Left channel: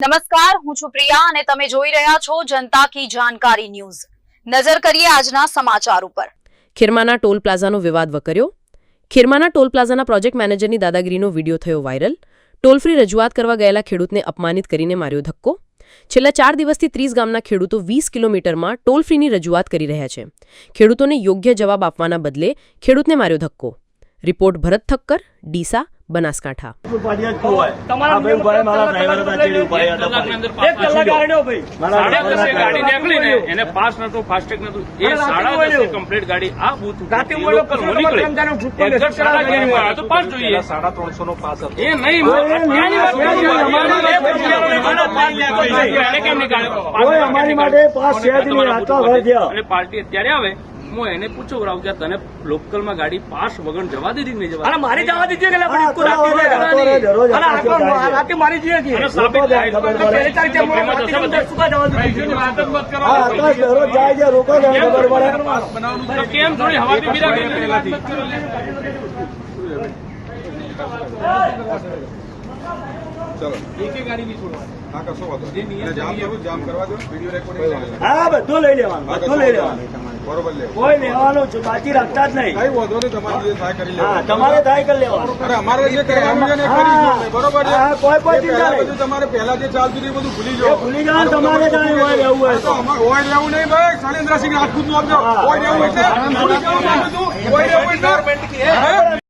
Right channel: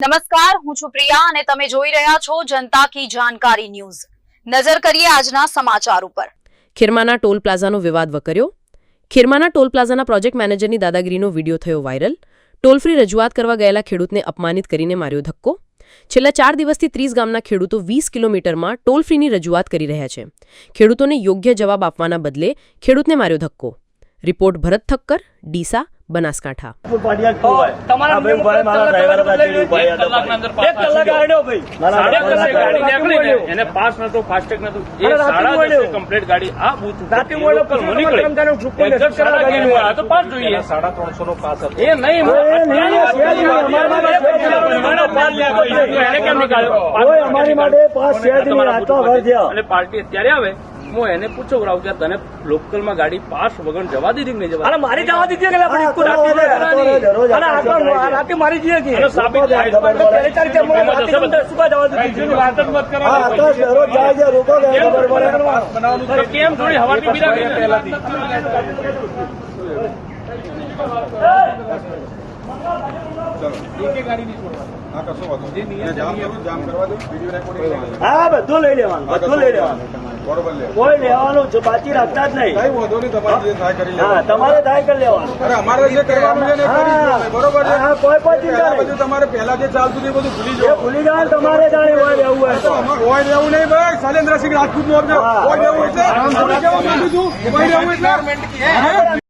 નમસ્કાર, હું છું પ્રિયા અને તમે જોઈ રહ્યા છો જનતા કી જાણકારી ન્યૂઝ। નજર કરીએ આજના સમાચાર ઉપર। ખીરમાના ટોલ પ્લાઝાનો વિવાદ વકર્યો। ખીરમાના ટોલ પ્લાઝાના પ્રોજેક્ટ મેનેજરની દાદાગીરીનો વિડીયો થયો વાયરલ। ટોલ ફ્રી રજૂઆત કરવા ગયેલા ખેડૂતને અપમાનિત કરીને માર્યો ધક્કો। છેલ્લા 4 દિવસથી 30 ગામના ખેડૂતો 20 કિલોમીટરમાં ટોલ ફ્રીની રજૂઆત કરી રહ્યા છે। ખેડૂતોને યોગ્ય જવાબ આપવાના બદલે ખેડૂતને માર્યો ધક્કો। રિપોર્ટ ભરત ઠક્કર, ડીસા, બનાસકાંઠા। પાર્ટી અત્યારે આવે હું એને પૂછું કે તને લોકલમાં ગાડી પાસ વગર જવા દીધી નહીં જવા મારી જવા દીધી મારી જઈએ કેમ થોડી હવાથી ગાડી નહીં હા બધું લઈ લેવાનું, બધું લઈ લેવાનું, કોઈ લેવાનું છે બાકી રાખતા જ નહીં। તમારે ટ્રાય કરી લેવાનું, અમારે જે કરવાનું બરોબર કોઈ ચિંતા નહીં। તમારે પહેલા જે ચાલતું હતું બધું ભૂલી જાય તમારે રહેવું હોય હોય રહેવું નહીં ભાઈ શૈલેન્દ્રસિંહ રાજપૂત નું આપજો હોય રહેવું છે